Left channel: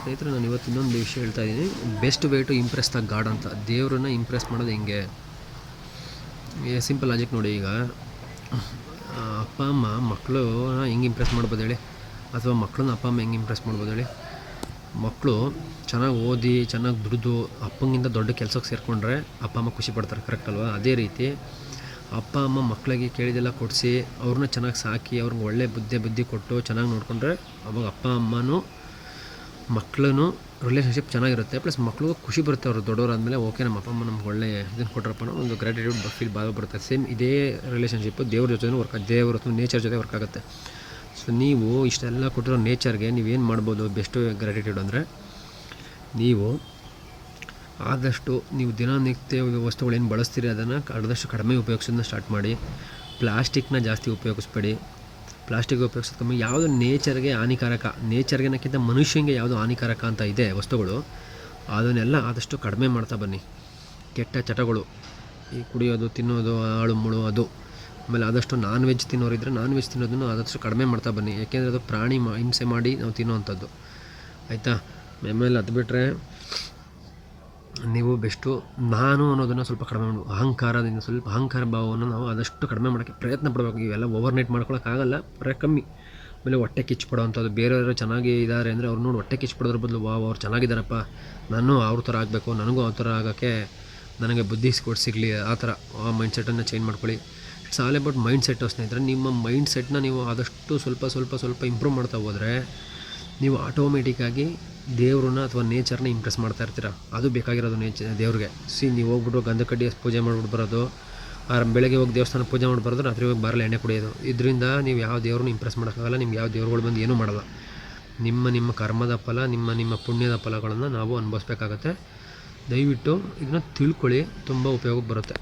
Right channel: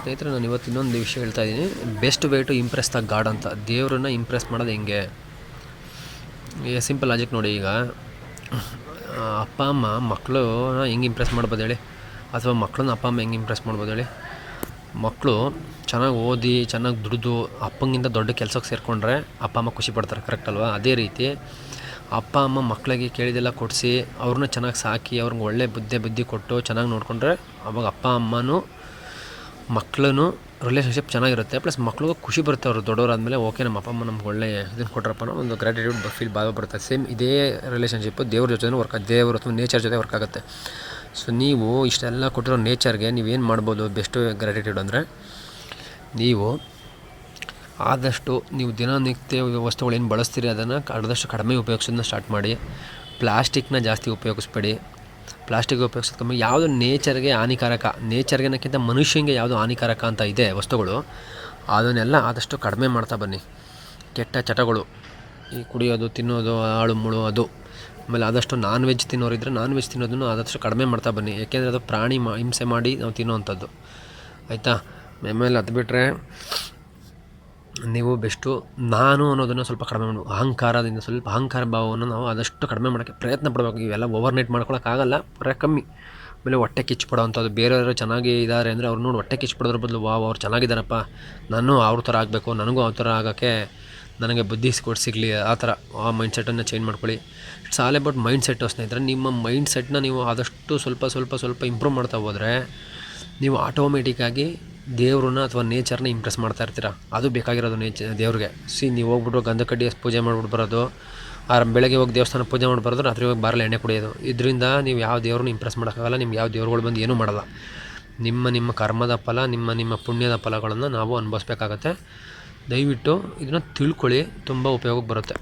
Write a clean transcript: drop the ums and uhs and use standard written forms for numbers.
ಸ್ನೇಹಿತರೆ, ನಾನು ಇವತ್ತು ಇನ್ನೊಂದು ವಿಷಯ ಹೇಳ್ತಾ ಇದ್ದೀನಿ. Best way to impress the god ಅಂತ. ದೇವ್ರನ್ನ ಇಂಪ್ರೆಸ್ ಮಾಡೋದು ಹೆಂಗೆ? ಸಿಂಪಲ್ ಲಾಜಿಕ್ ನೋಡಿ. ಈಗ ಅಪ್ಪ ಅಮ್ಮ ಮಕ್ಕಳನ್ನ ಹೆಂಗೆ ಇಂಪ್ರೆಸ್ ಮಾಡ್ಬೋದು ಹೇಳಿ? ಅಥವಾ ಮಕ್ಕಳನ್ನ ಅಪ್ಪ ಅಮ್ಮ ಹೆಂಗೆ ಇಂಪ್ರೆಸ್ ಮಾಡ್ಬೋದು ಹೇಳಿ? ಮಕ್ಕಳು ಚೆನ್ನಾಗಿ ಓದಿ ಚೆನ್ನಾಗಿ ದುಡಿದು ಅಪ್ಪಂಗಿಂತ ದೊಡ್ಡ ಕೆಲಸಕ್ಕೆ ಸೇರಿಕೊಂಡ್ರೆ ಅಪ್ಪ ಅಮ್ಮ ಖುಷಿ ಪಡ್ತಾರೆ, ಕರೆಕ್ಟ್ ಅಲ್ವಾ? ಅದೇ ರೀತಿ ಅಪ್ಪ ಅಮ್ಮ ಮಕ್ಕಳಿಗೆ ಕೇಳಿದೆಲ್ಲ ಕೊಡಿಸಿ ಅವ್ರನ್ನ ಚೆನ್ನಾಗಿ ಸಾಕಿ ಅವ್ರಿಗೆ ಒಳ್ಳೆ ಬುದ್ಧಿ ಕೊಟ್ಟು ಚೆನ್ನಾಗಿ ನೋಡಿಕೊಂಡ್ರೆ ಅವಾಗ ಅಪ್ಪ ಅಮ್ಮನೂ ಮಕ್ಕಳೂ ರಿಲೇಷನ್ಶಿಪ್ ಚೆನ್ನಾಗಿರುತ್ತೆ. ಪ್ಲಸ್ ಮಕ್ಳಿಗೂ ಖುಷಿ ಬರುತ್ತೆ. ಅವರು ದೊಡ್ಡವರಾದಮೇಲೆ ಓಕೆ, ನಮ್ಮ ಅಪ್ಪ ಅಮ್ಮ ನಮ್ಗೆ ಒಳ್ಳೆ ಇದನ್ನು ಕೊಟ್ರಪ್ಪ ಅನ್ನೋ ಒಂದು ಗ್ರ್ಯಾಟಿಟ್ಯೂಡ್ ಫೀಲ್ ಭಾಳ ಬರುತ್ತೆ. ಸೇಮ್ ಇದೇ ರಿಲೇಷನ್ಶಿಪ್ಪು ದೇವ್ರ ಜೊತೆ ದೇವ್ರ ಅಥವಾ ನೇಚರ್ ಜೊತೆ ವರ್ಕ್ ಆಗುತ್ತೆ. ಸೊ ನೀವು ಇಷ್ಟೆಲ್ಲ ಕೊಟ್ಟಿರೋ ನೇಚರ್ಗೆ ನೀವೇನು ಮಾಡ್ಬೋದು ಬೆಸ್ಟ್ ಗ್ರ್ಯಾಟಿಟ್ಯೂಡ್ ಅಂದರೆ, ನೀವು ಆದಷ್ಟು ನೀವು ದಿನನಿತ್ಯ ವಸ್ತುಗಳೇನು ಬಳಸ್ತೀರಿ ಅದನ್ನು ಆದಷ್ಟು ಕಡಿಮೆ ಉಪಯೋಗಿಸೋದನ್ನ ಸ್ಟಾರ್ಟ್ ಮಾಡಿ. ಪ್ಲಾಸ್ಟಿಕ್ನ ಜಾಸ್ತಿ ಉಪಯೋಗಿಸ್ಬೇಡಿ. ಪ್ಲಾಸ್ಟಿಕ್ ಉಪಯೋಗಿಸೋದು ಕಮ್ಮಿ. ಯಾವುದು ನೇಚರ್ಗೆ ಹಾನಿಕಾರಕ, ನೇಚರ್ಗೆನಕ್ಕಿಂತ ಮನುಷ್ಯನಿಗೆ ಯಾವುದು ಹಾನಿಕಾರಕ ಅಂತ ಇದೆ ವಸ್ತುಗಳು, ಅದನ್ನೆಲ್ಲ ಆದಷ್ಟು ಕಡಿಮೆ ಮಾಡ್ತಾ ಬನ್ನಿ. ಕೆಟ್ಟ ಚಟಗಳು, ಈ ಕುಡಿಯೋದು, ತಿನ್ನೋದು, ಹಾಳು ಮುಳು ಅದು. ಆಮೇಲೆ ಆದಷ್ಟು ನಾನ್ ವೆಜ್ ತಿನ್ನೋರಿದ್ದರೆ ನಾನ್ ವೆಜ್ ತಿನ್ನೋದನ್ನು ಆದಷ್ಟು ಕಡಿಮೆ ಮಾಡ್ತಾ ಬನ್ನಿ. ಯಾಕೆಂದರೆ ಅದು ಪ್ರಾಣಿ ಹಿಂಸೆ ಮಾಡಿ ನಾವು ತಿನ್ನೋವಂಥದ್ದು, ಆಯಿತಾ? ಆಮೇಲೆ ಅದು ಬಿಟ್ಟರೆ ನೀವು ಬೆಸ್ಟು ನಾನು ಅನ್ನೋದನ್ನು ಸ್ವಲ್ಪ ಕಡಿಮೆ ಮಾಡಬೇಕು. ಅಹಂಕಾರ ಭಾವವನ್ನು ನಾವು ಆದಷ್ಟು ಕಡಿಮೆ ಮಾಡೋಕ್ಕೆ ಪ್ರಯತ್ನ ಪಡಬೇಕು. ಇವೆಲ್ಲ ಓವರ್ನೈಟ್ ಮಾಡ್ಕೊಳಕ್ಕಾಗಲ್ಲ, ಕಮ್ಮಿ. ಆಮೇಲೆ ಹೊಟ್ಟೆ ಕಿಚ್ಚು ಪಡೋವಂಥದ್ದು, ಬೇರೆಯವರು ಚೆನ್ನಾಗಿ ಇದ್ದಾರೆ ಅಂದರೆ ಅವ್ರು ನೋಡಿ ಹೊಟ್ಟೆ ಕಿಚ್ಚು ಪಡೋದ್ರ ಬದಲು ಅವ್ರು ಚೆನ್ನಾಗಿದ್ದಾರಪ್ಪ, ನಾನು ಅವ್ರ ಥರ ಆಗಬೇಕು, ನನಗೂ ಅವ್ರ ಥರ ಆಗೋಕ್ಕೆ ನನಗೆ ಬುದ್ಧಿ ಸಿಗಲಿ, ಆ ಥರ ಆ ಮೈಂಡ್ಸೆಟ್ಟನ್ನು ಚೇಂಜ್ ಮಾಡ್ಕೊಳ್ಳಿ. ಇಟ್ಸ್ ಆಲ್ ಅಬೌಟ್ ಮೈಂಡ್ಸೆಟ್ಟು ಸ್ನೇಹಿತರೆ. ನಿಮ್ಮ ಮೈಂಡ್ಸೆಟ್ನ ನೀವು ಆದಷ್ಟು ಸ್ವಲ್ಪ ಇಂಪ್ರೂವ್ ಮಾಡ್ತಾ ಹೋದರೆ ನೀವು ಆಟೋಮೆಟಿಕ್ಕಾಗಿ ದೇವ್ರನ್ನ ಅಥವಾ ನೇಚರ್ನ ಇಂಪ್ರೆಸ್ ಮಾಡ್ತಾ ಇರ್ತೀರ. ಅದು ಬೇಕಾಗಿರೋದು ದೇವ್ರಿಗೆ. ನೀವು ಹೋಗ್ಬಿಟ್ಟು ಗಂಧ ಕಡ್ಡಿ ಪೂಜೆ ಮಾಡ್ಬಿಟ್ಟು ಬರೋದು, ಬೆಳಗ್ಗೆ ಹೋಗಿ ದೇವಸ್ಥಾನ ಪೂಜೆ ಮಾಡಿ ಬರೋದು, ರಾತ್ರಿ ಹೋಗಿ ಬಾರಲ್ಲಿ ಎಣ್ಣೆ ಕುಡಿಯೋದು, ಇದರಿಂದ ನೀವು ಯಾವ ದೇವ್ರನ್ನ ಇಂಪ್ರೆಸ್ ಮಾಡೋಕ್ಕಾಗಲ್ಲ. ನಿಮ್ಗೆ ಯಾವ ದೇವ್ರುಗಳು ಬಂದು ಏನೂ ಮಾಡಲ್ಲ. ನಿಮ್ಮ ಕರ್ಮದ ಫಲ, ನಿಮ್ಮ ಪುಣ್ಯದ ಫಲಗಳನ್ನು ನಾವು ಅನುಭವಿಸ್ಬೇಕಾಗತ್ತೆ. ದಯವಿಟ್ಟು ಇದನ್ನು ತಿಳ್ಕೊಳ್ಳಿ, ತುಂಬ ಉಪಯೋಗಕ್ಕೆ ಬರುತ್ತೆ.